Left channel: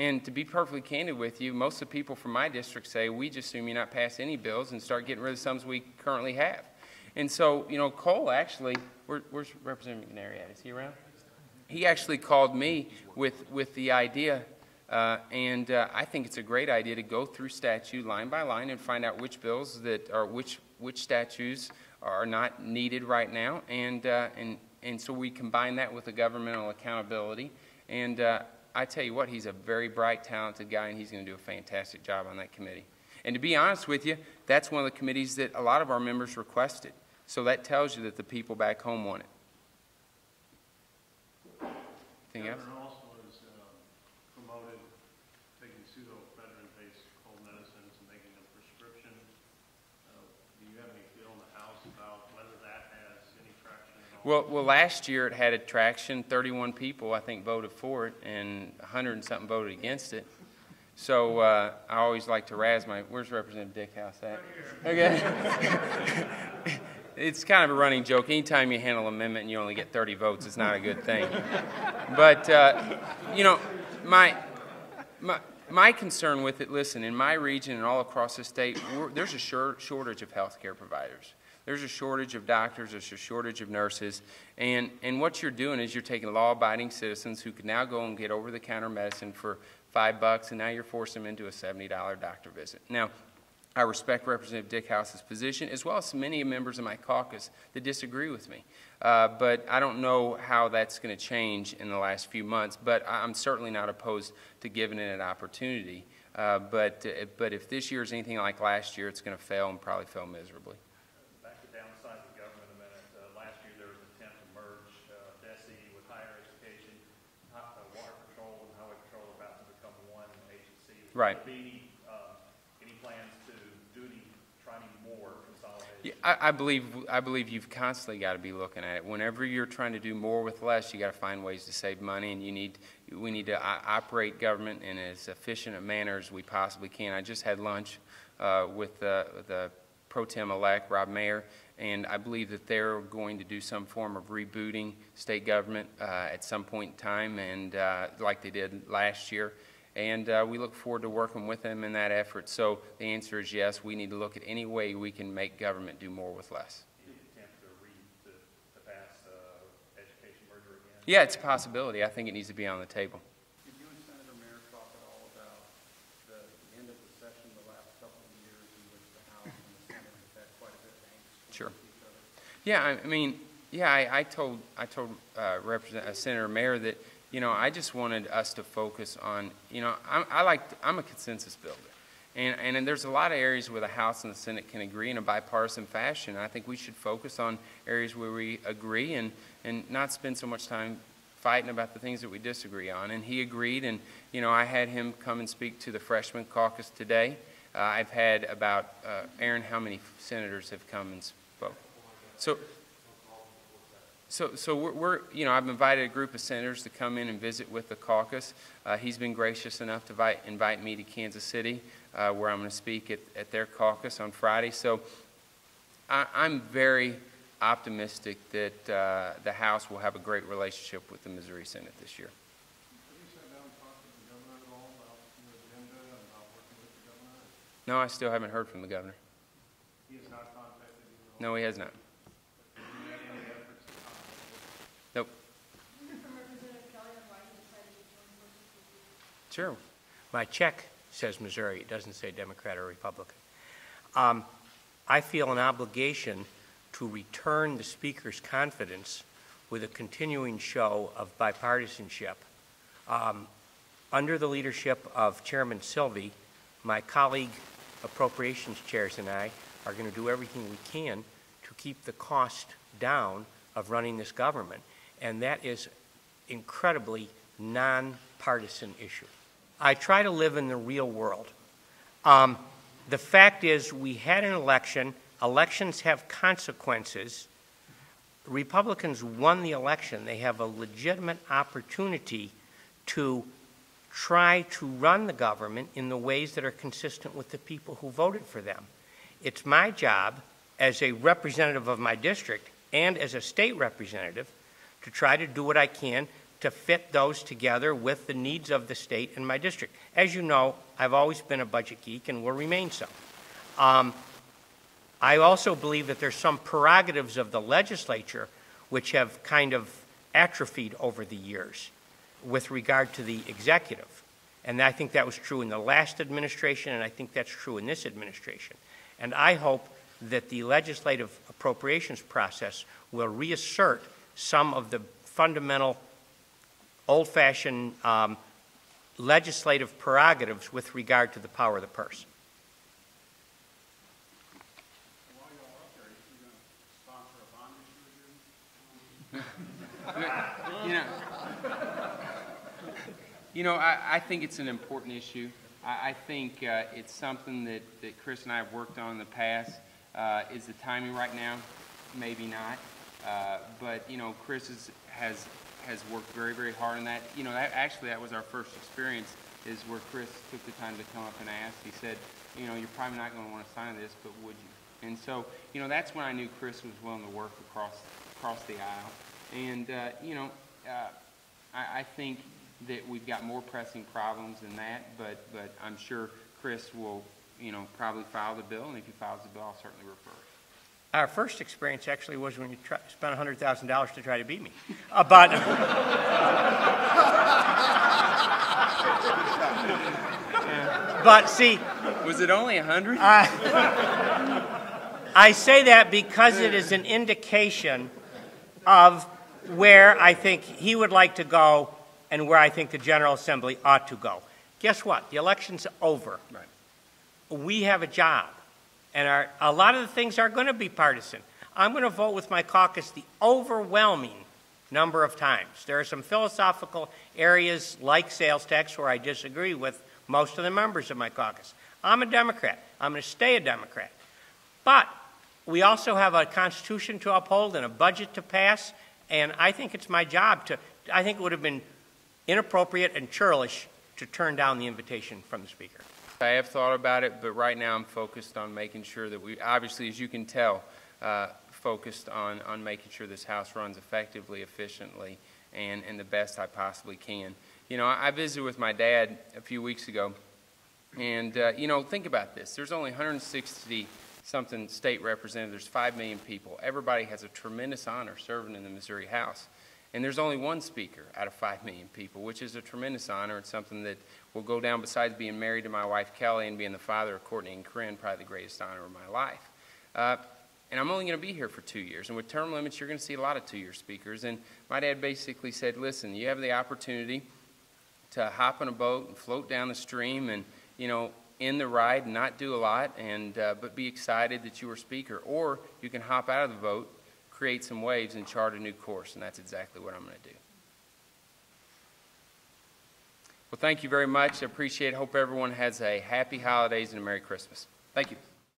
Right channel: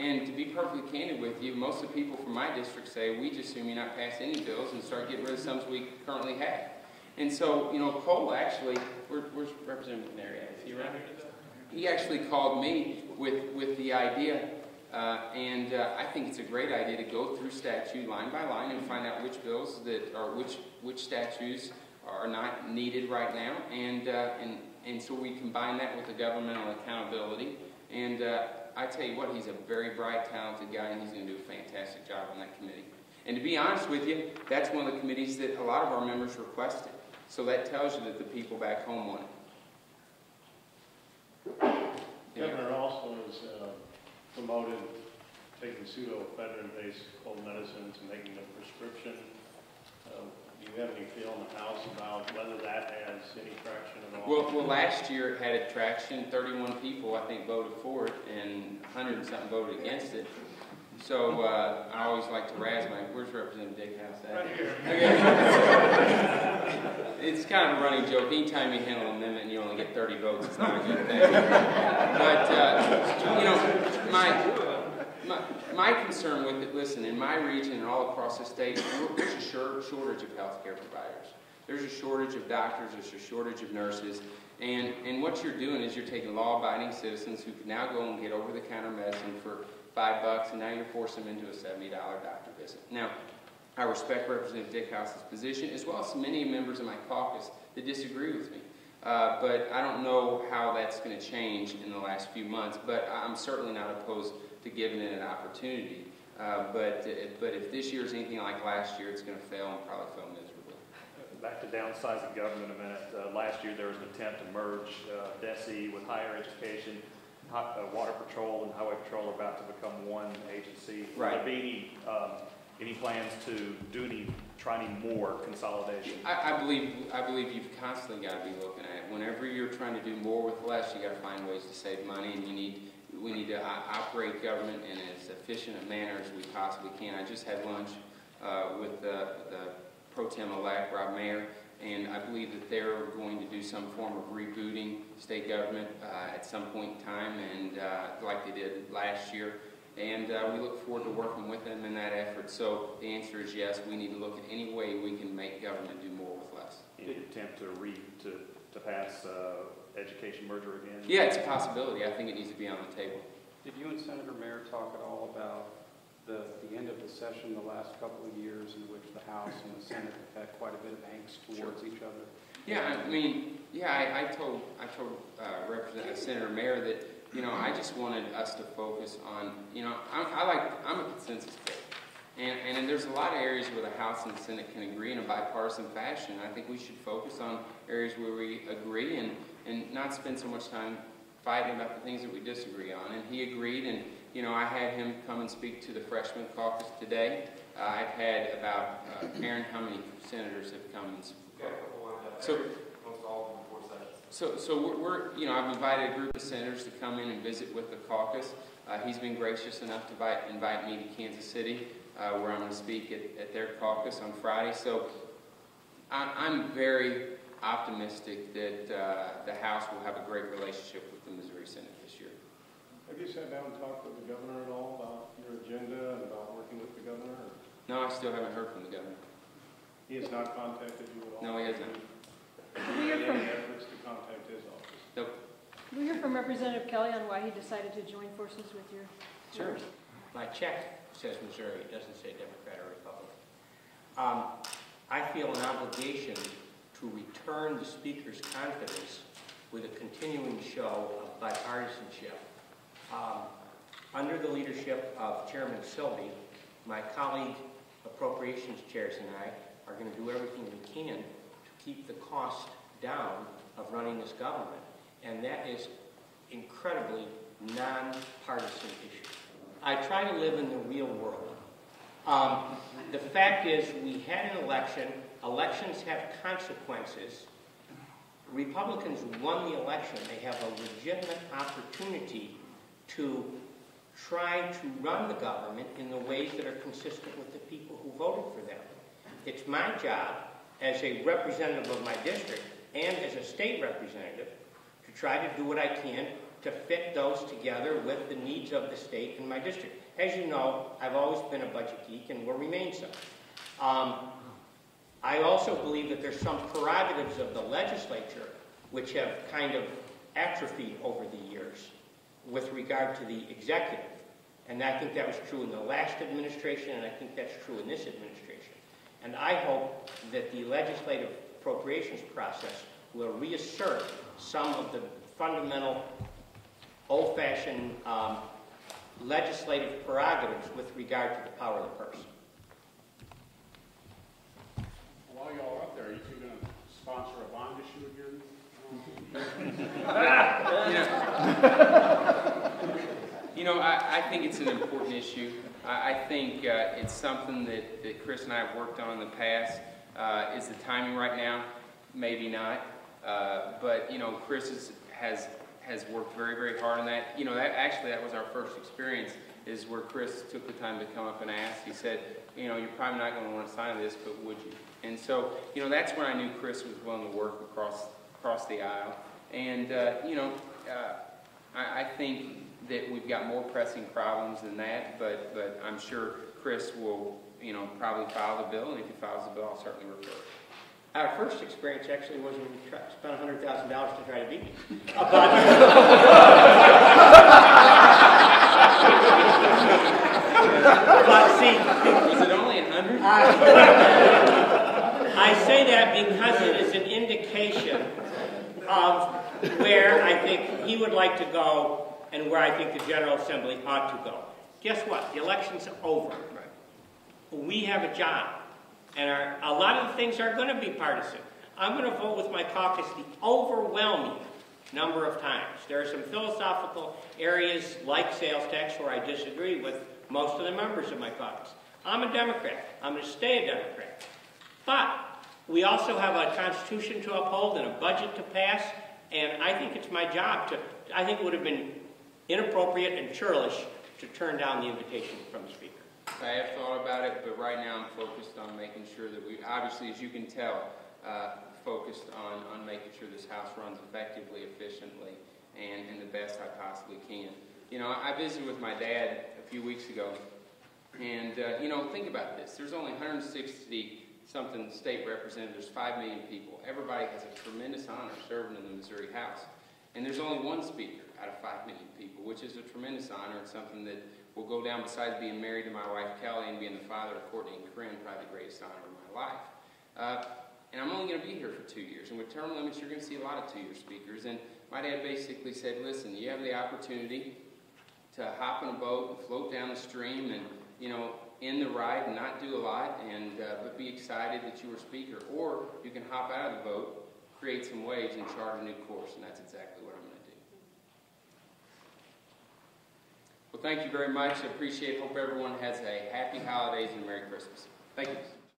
And to be perfectly candid with you, most of the people from my district say, we just assume you not pass any bills and start getting rid of some we currently have. And so, you know, Cole actually, where's Representative McNary at? Is he around? He actually called me with the idea, and I think it's a great idea to go through statute line by line and find out which bills that are, which statutes are not needed right now, and so we combine that with the governmental accountability. And I tell you what, he's a very bright, talented guy, and he's going to do a fantastic job on that committee. And to be honest with you, that's one of the committees that a lot of our members requested. So that tells you that the people back home want it. Governor also has promoted taking pseudoephedrine-based cold medicines and making them prescription. Do you have any feel in the House about whether that has any traction at all? Well, last year it had a traction. 31 people, I think, voted for it, and 100 and something voted against it. So I always like to razz my, where's Representative Dickhouse at? Right here. Okay. It's kind of a running joke. Anytime you handle an amendment and you only get 30 votes, it's not a good thing. But, you know, my concern with it, listen, in my region and all across the state, there's a shortage of healthcare providers. There's a shortage of doctors, there's a shortage of nurses, and what you're doing is you're taking law-abiding citizens who can now go and get over-the-counter medicine for $5, and now you're forcing them into a $70 doctor visit. Now, I respect Representative Dickhouse's position, as well as many members of my caucus that disagree with me. But I don't know how that's going to change in the last few months, but I'm certainly not opposed to giving it an opportunity. But if this year is anything like last year, it's going to fail and probably fail miserably. Back to downsizing government a minute. Last year there was an attempt to merge DESE with higher education. Water Patrol and Highway Patrol are about to become one agency. Right. Would there be any plans to try any more consolidation? I believe you've constantly got to be looking at it. Whenever you're trying to do more with less, you got to find ways to save money, and we need to operate government in as efficient a manner as we possibly can. I just had lunch with the Pro Tem-elect, Rob Mayer, and I believe that they're going to do some form of rebooting state government at some point in time, and like they did last year. And we look forward to working with them in that effort. So the answer is yes, we need to look at any way we can make government do more with less. Any attempt to pass education merger again? Yeah, it's a possibility. I think it needs to be on the table. Did you and Senator Mayer talk at all about the end of the session the last couple of years in which the House and the Senate have had quite a bit of angst towards each other? Yeah, I mean, yeah, I told Senator Mayer that, you know, I just wanted us to focus on, you know, I'm a consensus builder. And there's a lot of areas where the House and the Senate can agree in a bipartisan fashion. I think we should focus on areas where we agree and not spend so much time fighting about the things that we disagree on. And he agreed, and, you know, I had him come and speak to the freshman caucus today. I've had about, Aaron, how many senators have come and spoke? So we're, you know, I've invited a group of senators to come in and visit with the caucus. He's been gracious enough to invite me to Kansas City, where I'm going to speak at their caucus on Friday. So I'm very optimistic that the House will have a great relationship with the Missouri Senate this year. Have you sat down and talked with the governor at all about your agenda and about working with the governor? Or? No, I still haven't heard from the governor. He has not contacted you at all? No, he has not. We hear from, nope. we hear from Representative Kelly on why he decided to join forces with you. Sure. My check says Missouri. It doesn't say Democrat or Republican. I feel an obligation to return the Speaker's confidence with a continuing show of bipartisanship. Under the leadership of Chairman Silvey, my colleague appropriations chairs and I are going to do everything we can to keep the cost down of running this government. And that is incredibly nonpartisan issue. I try to live in the real world. The fact is we had an election. Elections have consequences. Republicans won the election. They have a legitimate opportunity to try to run the government in the ways that are consistent with the people who voted for them. It's my job as a representative of my district and as a state representative to try to do what I can to fit those together with the needs of the state and my district. As you know, I've always been a budget geek and will remain so. I also believe that there's some prerogatives of the legislature which have kind of atrophied over the years with regard to the executive. And I think that was true in the last administration, and I think that's true in this administration. And I hope that the legislative appropriations process will reassert some of the fundamental old-fashioned legislative prerogatives with regard to the power of the purse. While y'all up there, are you two going to sponsor a bond issue again? I think it's an important issue. I think it's something that Chris and I have worked on in the past. Is the timing right now? Maybe not. But Chris has worked very, very hard on that. That was our first experience, is where Chris took the time to come up and ask. He said, you're probably not going to want to sign this, but would you? And so, that's when I knew Chris was willing to work across the aisle. And, I think that we've got more pressing problems than that, but I'm sure Chris will, probably file the bill, and if he files the bill, I'll certainly refer it. Our first experience actually was when you spent $100,000 to try to beat me. But see, was it only 100? I say that because it is an indication of where I think he would like to go and where I think the General Assembly ought to go. Guess what? The election's over. Right. We have a job. And a lot of the things are going to be partisan. I'm going to vote with my caucus the overwhelming number of times. There are some philosophical areas like sales tax where I disagree with most of the members of my caucus. I'm a Democrat. I'm going to stay a Democrat. But we also have a Constitution to uphold and a budget to pass, and I think it's my job I think it would have been inappropriate and churlish to turn down the invitation from the Speaker. I have thought about it, but right now I'm focused on making sure that we, obviously, as you can tell, focused on making sure this House runs effectively, efficiently, and the best I possibly can. I visited with my dad a few weeks ago, and, think about this. There's only 160-something state representatives. There's 5 million people. Everybody has a tremendous honor serving in the Missouri House. And there's only one speaker out of 5 million people, which is a tremendous honor. It's something that will go down, besides being married to my wife, Kelly, and being the father of Courtney and Corinne, probably the greatest honor of my life. And I'm only going to be here for 2 years. And with term limits, you're going to see a lot of 2-year speakers. And my dad basically said, listen, you have the opportunity to hop on a boat and float down the stream and, in the ride and not do a lot, and but be excited that you were speaker. Or you can hop out of the boat, create some waves, and chart a new course. And that's exactly what I'm going to do. Well, thank you very much. I appreciate it. Hope everyone has a happy holidays and a Merry Christmas. Thank you.